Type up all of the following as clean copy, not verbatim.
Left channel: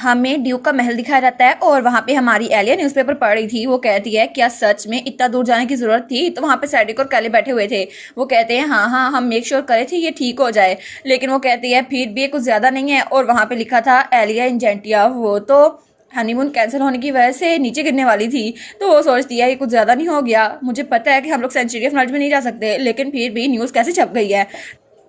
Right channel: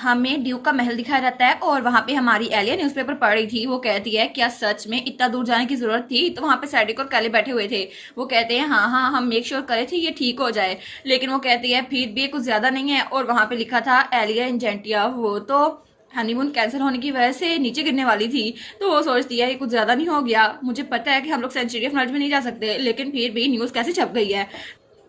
हमें ड्यूक का महल दिखाया जाता है और वहाँ पे हमारी एलिया न्यूज़पेपर पढ़ रही थी। वो कहती है क्या सच में इतना दूर जाने की जरूरत थी? तो वहाँ पे सैडिक और कैली बैठे हुए थे। वो कहते हैं हाँ हाँ हम मेक श्योर करे थे ये ठीक हो जाए, लेकिन वो कहती है फिर भी ये कुछ ज्यादा नहीं है। और वहाँ पे लिखा था एलिया इंजेंटिया, वो तो हनीमून कैंसिल होने की वजह से नीचे गिरने वाली थी। तो वो सोचती है ये कुछ ज्यादा नहीं हो गया? मुझे पता है कि हम लोग सेंचुरी ऑफ नॉलेज में नहीं जा सकते, लेकिन फिर भी न्यूज कैसे छप गई है।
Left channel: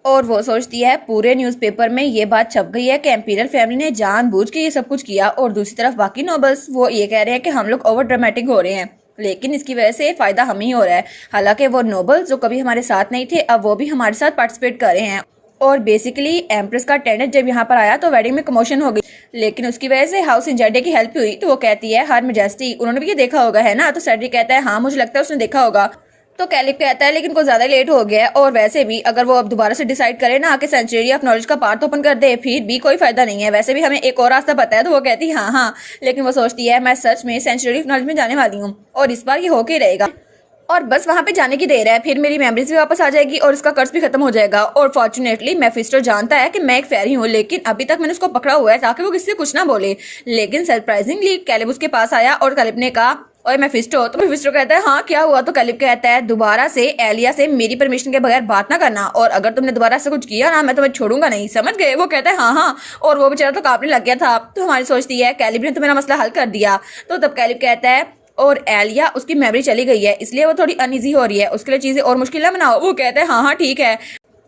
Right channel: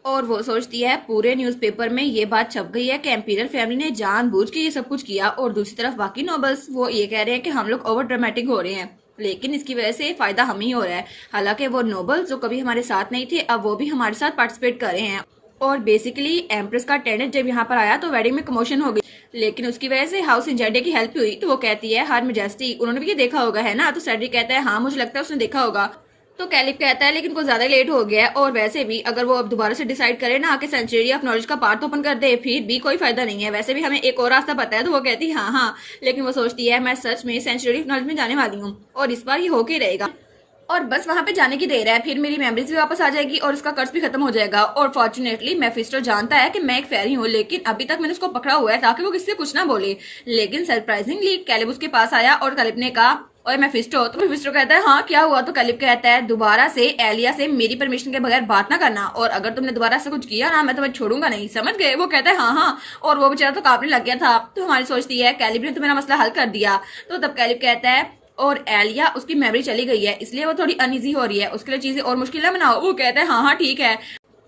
और वो सोचती है पूरे न्यूज़पेपर में ये बात छप गई है कि एम्पीरियल फैमिली ने जानबूझ के ये सब कुछ किया। और दूसरी तरफ बाकी नोबल्स वो ये कह रहे हैं कि हम लोग ओवर ड्रामेटिक हो रहे हैं, लेकिन इसकी वजह से फायदा हमें ही हो रहा है। हालांकि वो नोबल्स जो कभी हमारे साथ नहीं थे अब वो भी हमारे साथ पार्टिसिपेट कर रहे हैं। और बेसिकली एम्प्रेस का अटेंडेंट जब यहाँ पर आया तो वेडिंग में कमोशन हो गई, लेकिन उसकी वजह से हाउस इंजेंटिया की हेल्प हुई। तो वो कहती है हर मेजेस्टी उन्होंने भी ये देखा होगा है ना? तो सेड्रिक कहता है हाँ मुझे लगता है उसने देखा होगा। तो कैलिब कहता है लेकिन कुछ ज्यादा लेट हो गया है, और वैसे भी अगर वो अब दोबारा से डिसाइड करे ना कि सेंचुरी ऑफ नॉलेज का पार्ट ओपन कर दे फिर भी कोई फायदा नहीं है। वैसे भी हमें एक और रास्ता पता है। तो वो कहती है हाँ हाँ, लेकिन वो सोचती है मैं सच में सेंचुरी ऑफ नॉलेज में जाने वाली हूँ और इस बार ये होके रहेगा और बस वहां पे जाने की देर है, फिर मेरी मेमोरीज भी वापस आ जाएगी और उसका कर्ज भी खत्म हो जाएगा। और फॉर्चुनेटली मेफिस्टो जानता है कि मैं एक फेरी हूँ, लेकिन अभी तक मैंने उसको पकड़ा हुआ है ताकि वो किसी से कुछ ना बोले। लेकिन सरप्राइजिंगली कैलिब उसके पास आया और कैलिब ने कहा और मेफिस्टो। तो मेफिस्टो कहता है हाँ क्या हुआ? तो कैलिब कहता है दोबारा से एलिया से मेरी परमिशन के बगैर बात ना करना, और अगर तुमने दोबारा से कुछ किया ना मैं तुम्हें छोड़ूंगा नहीं, समझ गए? वो कहता है हाँ हाँ, और वो बेचारा तो कांपने लग गया था। तो हमारी सोचती है कैलिब ने तो मेरा मसला हल कर दिया। तो तब कैलिब कहता है और एलिया उसकी मेमोरी चली गई है इसलिए वो थोड़ी अनईजी हो रही है, उसके लिए चीजें और मुश्किल ना बनाओ। वो कहता है हाँ हाँ ठीक है।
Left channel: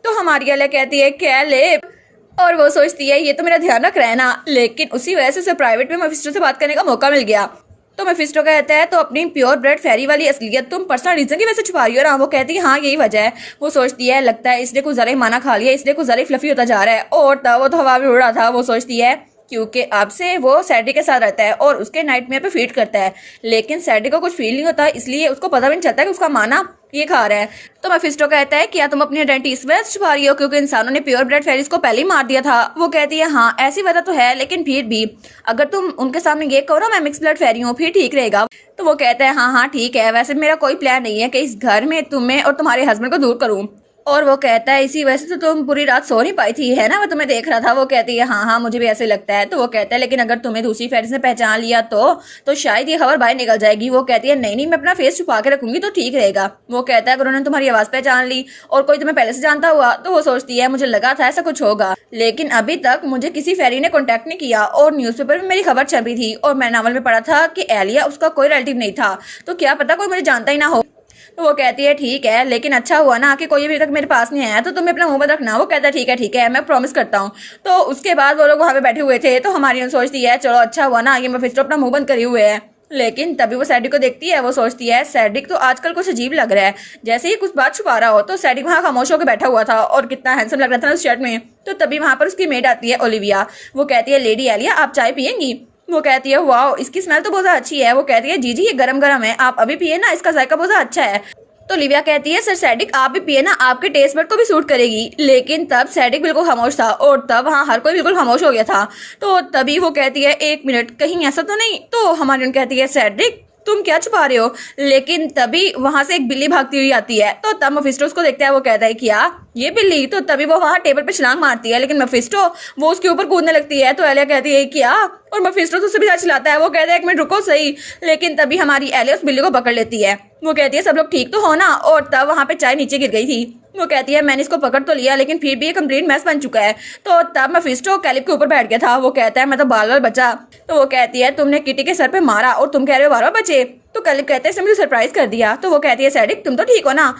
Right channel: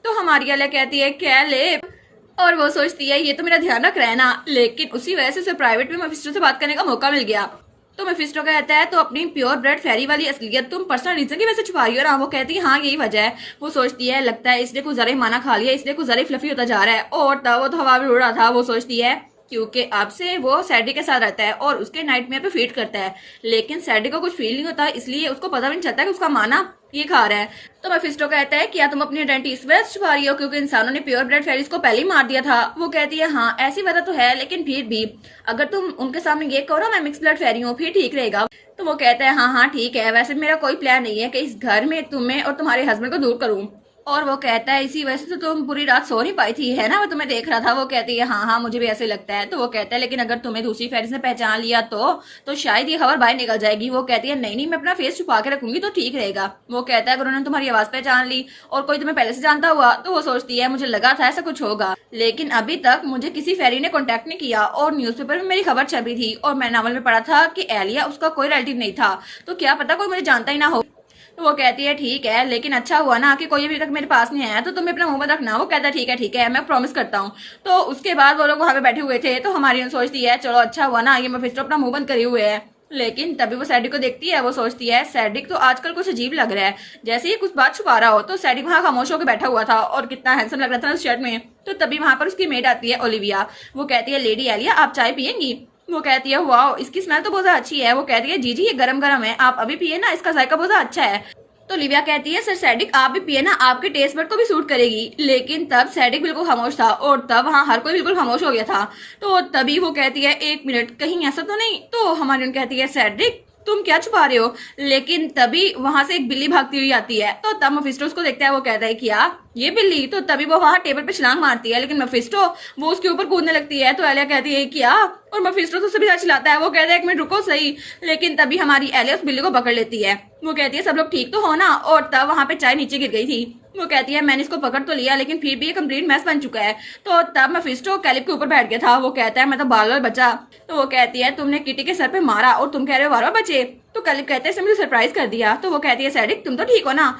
तो हमारी एलिया कहती है कैलिब, और वो सोचती है ये तो मेरा ध्यान रख रहा है ना, लेकिन उसी वजह से उसे प्राइवेट में मेफिस्टो से बात करने का मौका मिल गया। तो मेफिस्टो कहता है तो अपनी प्योर ब्लड फेरी वाली असलियत तुम पर्सनल रीजन की वजह से छुपा रही हो ना? वो कहती है हाँ यही वजह है। वो सोचती है लगता है इसलिए कुछ जरा माना खा लिया, इसलिए कुछ जरा फ्लफी होता जा रहा है। और तब वो तो हवा में उड़ रहा था। वो सोचती है क्योंकि अब से वो सैडी के साथ रहता है और उसके नाइटमेयर पे फीड करता है, लेकिन सैडी को कुछ फील नहीं होता इसलिए उसको पता भी नहीं चलता कि उसका माना ये खा रहा है। तो मेफिस्टो कहता है क्या तुम अपनी आइडेंटिटी इस वजह से छुपा रही हो क्योंकि इंसानों ने प्योर ब्लड फेरीज को पहले ही मार दिया था? वो कहती है हाँ ऐसी वजह तो है, लेकिन फिर भी अगर तुम उनके सामने ये कहो मैं मिक्स ब्लड फेरी हूँ फिर ठीक रहेगा। तो वो कहता है हाँ हाँ ठीक है, वैसे मेरा कोई प्लान नहीं है कि इस घर में तुम्हें और तुम्हारे हस्बैंड को दूर करूँ। और वो कहता है इसी वजह से तो तुम पूरी रात सो नहीं पाई थी है ना? वो तुम्हें देख रहा था। वो कहती है हाँ हाँ मुझे भी ऐसे लगता है। तो वो कहता है लेकिन अगर तुम्हें दूसरी फेरिस ने पहचान लिया तो शायद ये खबर बाहर निकल जाएगी। वो कहती है नहीं नहीं मैं अपना फेस छुपा के रखूंगी तो ठीक रहेगा। वो कहता है अगर उन्होंने तुम्हारी आवाज पहचान ली और कोई तुम्हें पहले से जानता हुआ? तो वो सोचती है मुझे लगा था ऐसा कुछ होगा, लेकिन अभी तक मुझे किसी फेरी ने कॉन्टेक्ट नहीं किया और न्यूज़पेपर में मेरी खबर छपी थी और मैं नावल में पढ़ा था कि एलिया उसका कोई रिलेटिव नहीं था, तो क्या पता कोई मुझे जानता ही ना हो। तो वो कहती है ठीक है, लेकिन अच्छा हुआ ना कि कोई अभी तक मेरे पास नहीं आया, तो तुम अपना मुंह बंद रखना। वो कहता है ठीक है मैं प्रॉमिस करता हूँ। तो उसके बाद वो लोग वहां पे बैठे हुए थे। तो हमारी सोचती है चलो अच्छा हुआ ना ये मेफिस्टो अपना मुंह बंद करे हुए है, लेकिन तभी वो सैडिक को देखती है। वो सोचती है सैडिक तो आजकल कुछ अजीब लग रहा है, जैसे ही कुछ बात छुपा रहा हो। तो सैडिक वहां खामोश होकर बैठा हुआ था और कितना हैंडसम लग रहा था उस शर्ट में। तो तभी वहां पर उसकी मेड आती है ओलिविया। वो कहती है लेडी एलिया आप चाय पियेंगी? वो कहती है वाह इसकी स्मेल तो बहुत अच्छी है। वो कहती है जी जी ये गरम गरम है, आप अभी पिए ना, इसका जायका बहुत अच्छा है। तो लिविया कहती है सर सैडिक आप भी पिए ना, आपके टेस्ट बड को भी सूट करेगी। लेकिन तब सैडिक बिल्कुल खामोश था और तब वहाँ हर कोई बिल्कुल खामोश हो गया था। तो तभी वो कहती है एक मिनट कहीं ऐसा तो नहीं? तो हमारी कहती है सैडिक तुम क्या छुपा रहे हो? लेकिन तभी वहां से एक बिल्ली भागती हुई आती है। तो तब मेफिस्टो उसको देखता है। वो कहता है क्या ये बिल्ली? तो तभी वो वहां टेबल पे छलांग मारती है, लेकिन मेफिस्टो वो उसके ऊपर कूदने लगती है। तो एलिया कहती है क्या? और मेफिस्टो तो सभी चिल्लाता है। वो कहता है एक मिनट रुको सही, लेकिन तभी हमारी एलिया उस बिल्ली को पकड़ लेती है। वो कहती है सब लोग ठीक तो हो ना? और तब वहां पे चाय नीचे गिर गई थी। वो कहती है मैंने इसको पकड़ तो लिया लेकिन फिर भी ये कंप्लीट मैस बन चुका है। तो तब मेफिस्टो कैलिब के ऊपर बैठ गया था। वो कहता है मैं तो बाल बाल बचा। तो वो कहती है तुमने किटी के सर पे मारा और तुम कह रहे हो बार बार बचे? तो कैलिब कहते हैं मुझे सरप्राइज कर दिया। तो वो कहती है सैडिक तुम तो ठीक हो ना?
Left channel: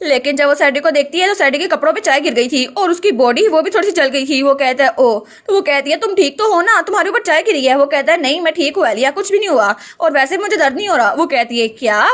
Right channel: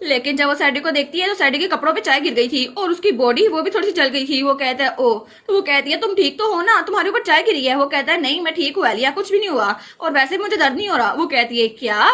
लेकिन जब वो सैडी को देखती है तो सैडी के कपड़ों पे चाय गिर गई थी और उसकी बॉडी वो भी थोड़ी सी जल गई थी। वो कहता है ओ। तो वो कहती है तुम ठीक तो हो ना, तुम्हारे ऊपर चाय गिरी है? वो कहता है नहीं मैं ठीक हूँ एलिया, कुछ भी नहीं हुआ और वैसे मुझे दर्द नहीं हो रहा। वो कहती है क्या?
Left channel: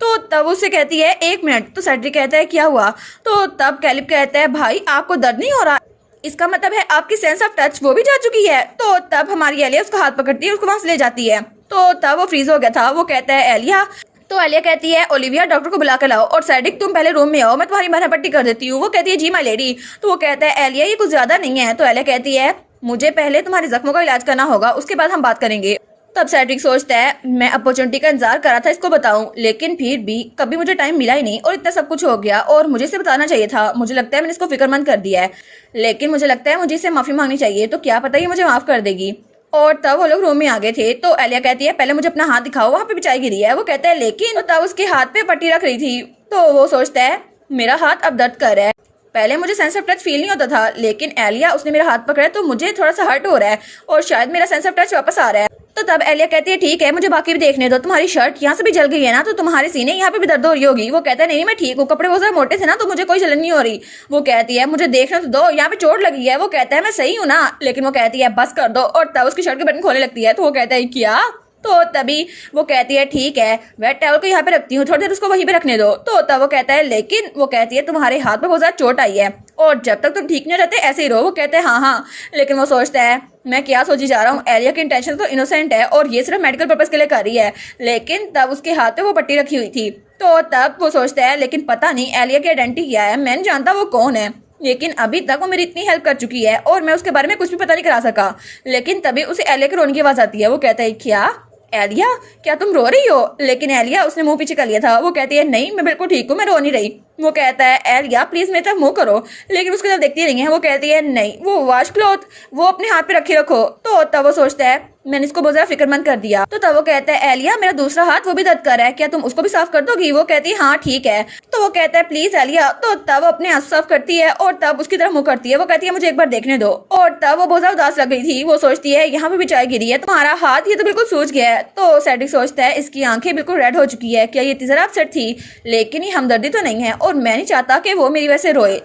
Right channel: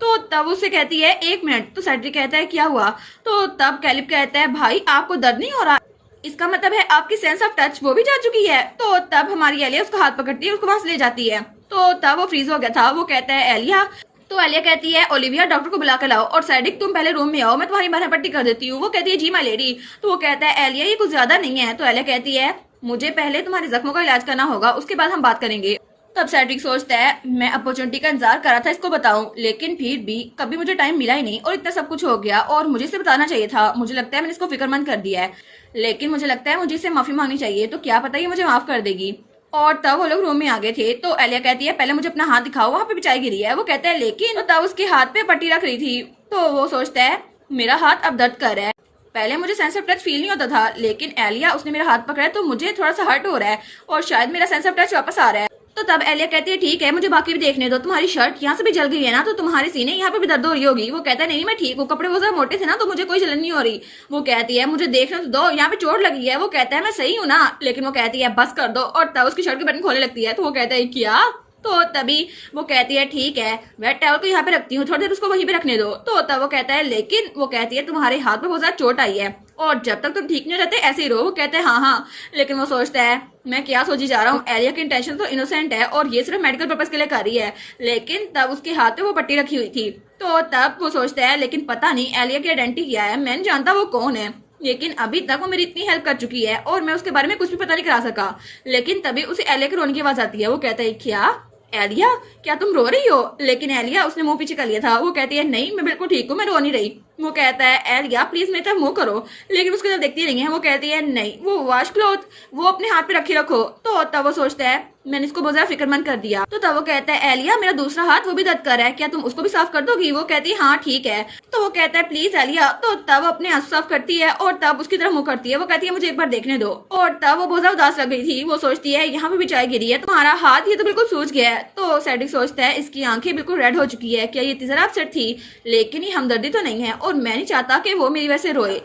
तो तब उससे कहती है एक मिनट। तो सैडी कहता है क्या हुआ? तो तब कैलिब कहता है भाई आपको दर्द नहीं हो रहा, इसका मतलब है आपकी सेंस ऑफ टच वो भी जा चुकी है। तो तब हमारी एलिया उसका हाथ पकड़ती है, उसको वहां से ले जाती है। तो तब वो फ्रीज हो गया था। वो कहता है एलिया। तो एलिया कहती है ओलिविया डॉक्टर को बुला कर लाओ और सैडिक तुम पहले रूम में आओ, मैं तुम्हारी मरहम पट्टी कर देती हूँ। वो कहती है जी माय लेडी। तो वो कहता है एलिया ये कुछ ज्यादा नहीं है। तो एलिया कहती है मुझे पहले तुम्हारे जख्मों का इलाज करना होगा, उसके बाद हम बात करेंगे। तब सैडिक सोचता है मैं अपॉर्चुनिटी का इंतजार करा था इसको बताऊं, लेकिन फिर भी कभी मुझे टाइम मिला ही नहीं और इतना सब कुछ हो गया और मुझे इसे बताना चाहिए था। मुझे लगता है मैंने इसको फिक्रमंद कर दिया है, लेकिन मुझे लगता है मुझे इसे माफी मांगनी चाहिए। तो क्या पता ये मुझे माफ कर देगी। और तब वो लोग रूम में आ गए थे। तो एलिया कहती है पहले मुझे अपना हाथ दिखाओ, वहाँ पे बिछाई गिरी है। वो कहता है लेकिन, तो तब उसके हाथ पे पट्टी रख रही थी। तो वो सोचता है मेरा हाथ अब दर्द कर रहा है, पहले मुझे सेंस ऑफ टच फील नहीं होता था, लेकिन एलिया उसने मेरा हाथ पकड़ा है तो मुझे थोड़ा सा हर्ट हो रहा है और शायद मेरा सेंस ऑफ टच वापस आ रहा है। तो तब एलिया कहती है ठीक है मुझे बाकी भी देखने दो, तुम्हारी शर्ट यहाँ से भी जल गई है ना, तो तुम्हारे सीने यहाँ पे भी दर्द हो रही होगी। वो कहता है नहीं मैं ठीक हूँ, कपड़े बहुत ज्यादा मोटे थे ना तो मुझे कोई जलन नहीं हो रही। वो कहती है मुझे देखने तो दो, यहाँ पे चोट लगी है। वो कहता है मैं सही हूँ ना, लेकिन वो कहती है बस कर दो, और तब उसकी शर्ट के बटन खोलने लगती है। तो वो कहता है क्या, तो तभी वो कहती है ठीक है वेट टॉवल को यहाँ पे रखती हूँ, थोड़ी देर उसको वहीं पे रखने दो। तो तब वो कहता है लेकिन, वो कहती है तुम्हारे हाथ पे बहुत ज्यादा चोट आई है और जब तक तुम ठीक नहीं रहते ऐसे ही रहो। वो कहते हैं हाँ हाँ, लेकिन वो सोचता है मैं क्या सोची जा रहा हूँ, एलिया की इंटेंशन तो इनोसेंट है और ये सिर्फ मेडिकल पर्पज के लिए कर रही है, लेकिन तब उसके हाथ पे वो पट्टी रखी हुई थी। तो तब वो सोचता है लेकिन पता नहीं एलिया की आइडेंटिटी क्या है, मैं नहीं जानता वो कौन है, लेकिन अभी तक वो मेरी इतनी हेल्प कर चुकी है और मैं उसके बारे में कुछ भी पता नहीं करा सका। लेकिन तभी उसे एलिया के रोने की आवाज आती है। वो कहता है क्या एलिया, क्या तुम रो रही हो? लेकिन एलिया उसने मुंह पीछे कर लिया था। वो कहती है नहीं मैं बिल्कुल ठीक हूँ, मैं रो नहीं रही। वो कहता है एलिया प्लीज मेरी तरफ मुंह करो, लेकिन उसकी तरफ देखती नहीं है। वो कहती है नहीं वो वॉश क्लॉथ वो अपने हाथ पे रखे रखो। तो तब वो सोचता है मैंने इसको बहुत ज्यादा फिक्रमंद कर दिया। तो तब वो कहता है एलिया मेरा दूसरा हाथ वो भी दर्द कर रहा है, क्या तुम उसको भी साफ कर दोगी? वो कहती है हाँ ठीक है। तो वो कहता है प्लीज एलिया। तो तब अपने हाथ साफ करती है और तब उसकी तरफ मुंह करती है। वो कहती है मुझे एक बार देखने दो, और तब वो बहुत ज्यादा उदास लग गई थी। वो सोचती है यहाँ पे भी चाय गिरी है, तुम्हारा हाथ ये तो बिल्कुल सूज गया है। तो सेड्रिक सोचता है इसकी आंखें बिल्कुल रेड हो चुकी है, क्या ये इतनी जरा अपसेट थी? लेकिन ये हमदर्दी तो नहीं है और मैं नहीं चाहता कि वो मेरी वजह से रोए।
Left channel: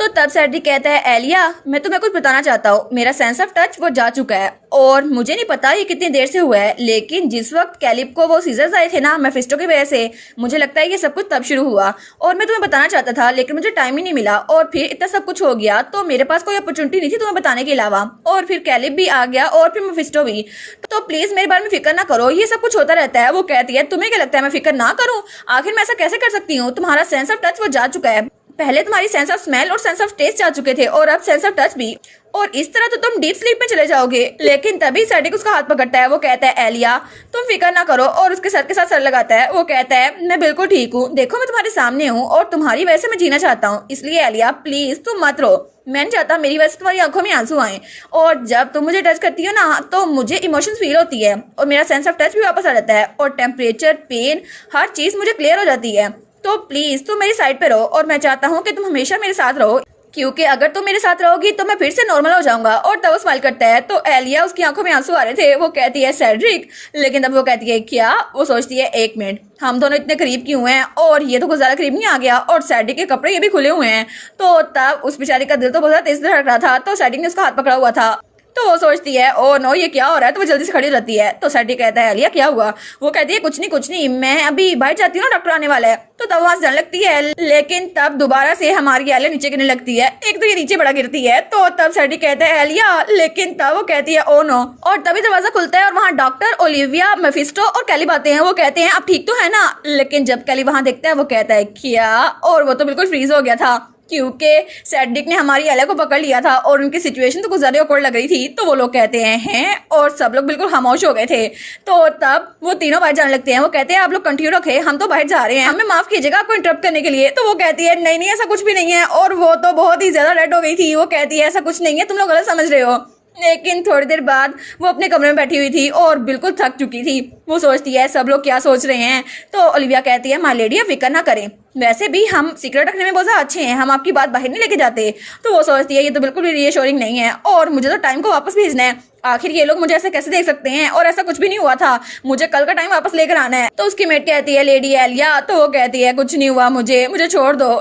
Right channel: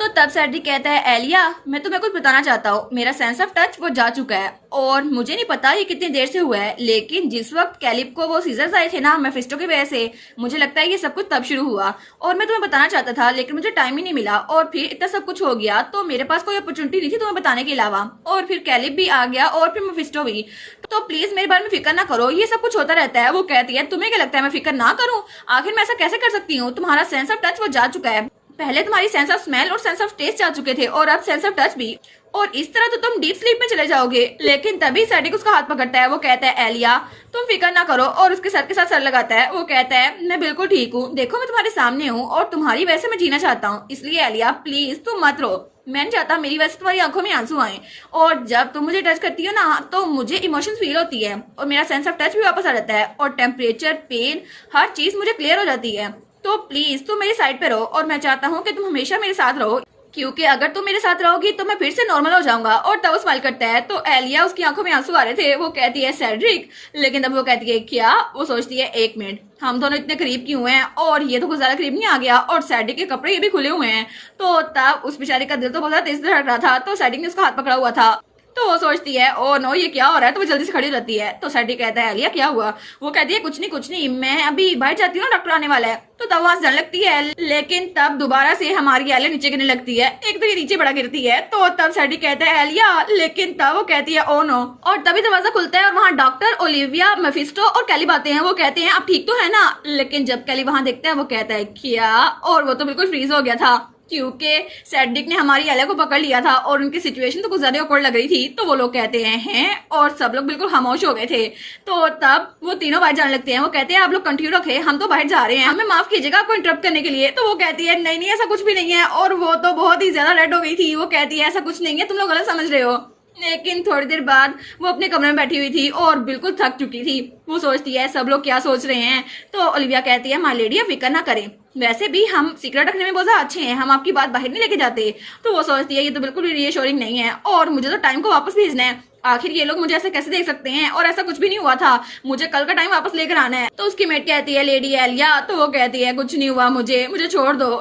तो तब सेड्रिक कहता है एलिया मैं तुम्हें कुछ बताना चाहता हूँ, मेरा सेंस ऑफ टच वो जा चुका है और मुझे नहीं पता ये कितनी देर से हुआ है, लेकिन जिस वक्त कैलिब को वो सीजर्स आए थे ना मेफिस्टो की वजह से, मुझे लगता है ये सब कुछ तब शुरू हुआ और मैं तुम्हें बताना चाहता था लेकिन मुझे टाइम ही नहीं मिला और फिर इतना सब कुछ हो गया तो मेरे पास कोई अपॉर्चुनिटी नहीं थी तुम्हें बताने के अलावा, और फिर कैलिब भी आ गया और फिर मेफिस्टो भी। तो प्लीज मेरे बारे में फिक्र ना करो, ये सब कुछ होता रहता है। वो कहती है तुम्हें क्या लगता है मैं फिक्र ना करूँ? आखिर मैं ऐसा कैसे कर सकती हूँ, तुम्हारा सेंस ऑफ टच वो जा चुका है, पहले तुम्हारी सेंस ऑफ स्मेल और सेंस ऑफ टेस्ट जा चुके थे और अब सेंस ऑफ टच भी, और इस तरह तो तुम डीप स्लीप में चले जाओगे। लेकिन तभी सेड्रिक उसका हाथ पकड़ता है। वो कहता है एलिया तुम फिक्र ना करो, और उसके सर के साथ सर लगाता है। वो कहता है मैं बिल्कुल ठीक हूँ, देखो मैं तुम्हारे सामने हूँ और तुम्हारी वजह से मैं जीना चाहता हूँ, इसलिए एलिया प्लीज तुम मत रो, मैं नहीं चाहता मेरी वजह से तुम्हारी आंखों में आंसू आए, और जब तुम मुझे टच करती हो ना तो मुझे इमोशंस फील होती है और मेरा सेंस ऑफ टच भी वापस आ जाता है और टेम्परेचर पेन हर चीज मुझे क्लियर हो जाती है। तो प्लीज तुम मेरी साइड पे रहो और मैं चाहता हूँ कि तुम हमेशा मेरे साथ रहो, क्योंकि अगर तुम मेरे साथ रहोगी तो मैं फिर से नॉर्मल हो जाऊंगा। और तब वो स्माइल करता है। तो एलिया उसकी आंखों में आंसू आ रहे थे। वो कहती है सेड्रिक, लेकिन तब वो कहती है क्या? वो सोचती है एक मिनट हम दोनों इतने करीब क्यों हैं, और ये तो कुछ ज्यादा करीब नहीं आ गया, और सेड्रिक के कपड़े ये भी खुले हुए हैं। तो तब उस बेचारी का दिल तो बहुत ज्यादा तेज धड़क रहा था। तो सेड्रिक ने उसका हाथ पकड़ा हुआ था। तो वो सोचती है ओ नो ये क्या हो रहा है, तो वो जल्दी से खड़ी हो जाती है। तो सेड्रिक कहता है एलिया क्या हुआ? वो कहती है कुछ नहीं मैं अभी बाहर जाती हूँ ना, डॉक्टर आने वाला है। तो तब वहां से जाने लगती है, लेकिन तब दोबारा से हमारी एलिया नीचे गिरने लगती है। एक तो ये नीचे बड़ा गिरती है। तो तब सेड्रिक कहता है एलिया, लेकिन तब वो कहती है ओ नो, और तभी दरवाजा खुलता है और वहाँ डॉक्टर, ओलिविया, मेफिस्टो और कैलिब आते हैं। वो कहते हैं आप ठीक तो है ना? लेकिन जब कैलिब वहां देखता है वो कहता है क्या, और वो तो बिल्कुल फ्रीज हो गया था क्योंकि सेड्रिक ने हमारी एलिया को पकड़ लिया था और उनकी सिचुएशन तो कुछ ज्यादा ऑकवर्ड लग रही थी। तो वो लोग कहते हैं और सब लोग बिल्कुल खामोश हो गए थे। तो तब वो तीनों बाहर जाने लगते हैं। वो कहते हैं आप लोग कंटिन्यू रखे, हम तो बाहर जा रहे हैं, हमें माफ कीजिएगा आपको इंटरप्ट करने के लिए। तो वो कहती है नहीं ऐसा कुछ भी नहीं है, और वो तो बहुत ही ज्यादा रेड हो गई थी। वो कहती है ऐसा कुछ नहीं है, तुम लोग गलत समझ रहे हो। लेकिन थोड़ी देर बाद वो अपने कमरे में बैठी हुई थी और बिल्कुल थक चुकी थी। वो सोचती है सब लोग क्या सोच रहे हैं। तो ओलिविया कहती है माय लेडी आप फिक्र ना करें, वैसे भी हम सीक्रेट रखने में बहुत ज्यादा अच्छे हैं, हम आपकी बात बाहर नहीं लेके जाते। तो वो सोचती है ये तो बिल्कुल भी रीअश्योरिंग नहीं है और मुझे तो टाइम को वापस भेजना है, आखिर ये लोग मुझे ऐसे कैसे देख सकते हैं, और ऐसा कुछ भी नहीं हुआ था, मुझे कल का टाइम वापस लेकर आना है। तो उसकी मेट कहती है लेडी एलिया, तो वो कहती है कुछ नहीं हुआ, मुझे छोड़ दो।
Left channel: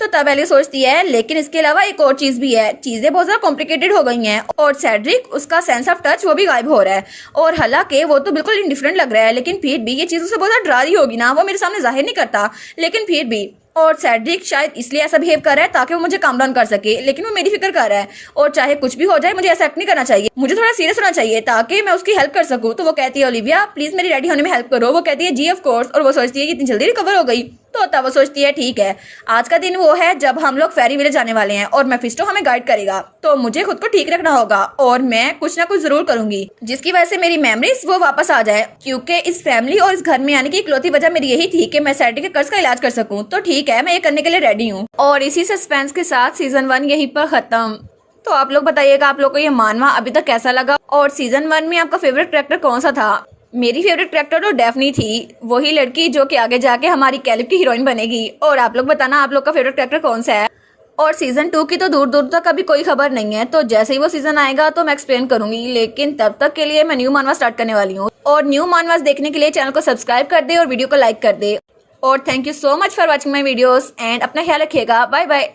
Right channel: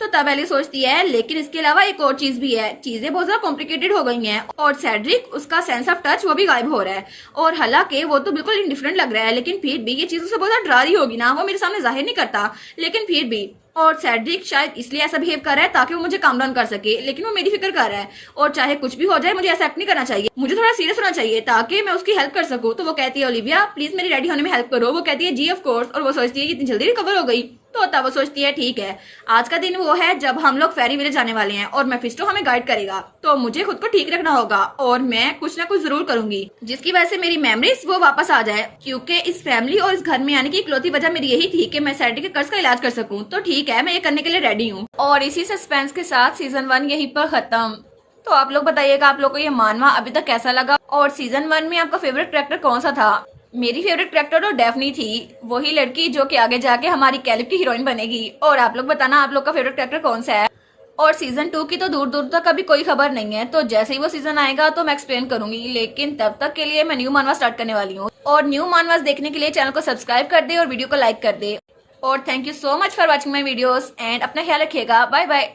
तो तब एलिया सोचती है लेकिन इसके अलावा एक और चीज भी है, चीजें बहुत ज्यादा कॉम्प्लिकेटेड हो गई हैं और सेड्रिक उसका सेंस ऑफ टच वो भी गायब हो रहा है, और हालांकि वो तो बिल्कुल इंडिफरेंट लग रहा है, लेकिन फिर भी ये चीज उसे बहुत ज्यादा डरा रही होगी ना, वो मेरे सामने जाहिर नहीं करता, लेकिन फिर भी। और सेड्रिक शायद इसलिए ऐसा बिहेव कर रहा है ताकि वो मुझे काम डाउन कर सके, लेकिन वो मेरी फिक्र कर रहा है और चाहे कुछ भी हो जाए मुझे ऐसा एक्ट नहीं करना चाहिए, मुझे थोड़ा सीरियस होना चाहिए ताकि मैं उसकी हेल्प कर सकूं। तो वो कहती है ओलिविया प्लीज मेरी रेडी होने में हेल्प करो। वो कहती है जी ऑफ कोर्स, और वो सोचती है कि इतनी जल्दी रिकवर हो गई। तो तब वो सोचती है ठीक है आज का दिन वो है जब हम लोग फेरी विलेज जाने वाले हैं और मेफिस्टो हमें गाइड करेगा, तो मुझे खुद को ठीक रखना होगा और मैं कुछ ना कुछ जरूर करूंगी जिसकी वजह से मेरी मेमोरीज वो वापस आ जाए, क्योंकि इस फैमिली और इस घर में आने की इकलौती वजह मेरी यही थी कि मैं सेड्रिक के कर्ज का इलाज कर सकूं। तो ठीक है मैं ये करने के लिए रेडी हूँ। और इसी सस्पेंस के साथ सीजन 1 यहीं पर खत्म। तो आप लोग बताइएगा आप लोग को ये मानवा अभी तक कैसा लगा, और सीजन 1 में आपका फेवरेट कैरेक्टर कौन सा था। मेरी फेवरेट कैरेक्टर तो डेफनी थी, वही लड़की जो कि आगे जाके हमारी कैलिब की हीरोइन बनेगी। और आप लोग बताना आप लोग का फेवरेट कैरेक्टर कौन सा है। और सीजन 2 की तो दूर दूर तक अभी कोई खबर नहीं है, तो जैसे ही वो सीजन आएगा तो मैं एक्सप्लेन करूंगी, लेकिन तब तक के लिए मैं न्यू मानवा स्टार्ट करने वाली हूँ। और न्यू मानवास देखने के लिए चैनल को सब्सक्राइब कर दे और वीडियो को लाइक कर दे। और thank you so much for watching my videos and अपना ख्याल रखिएगा। Bye bye.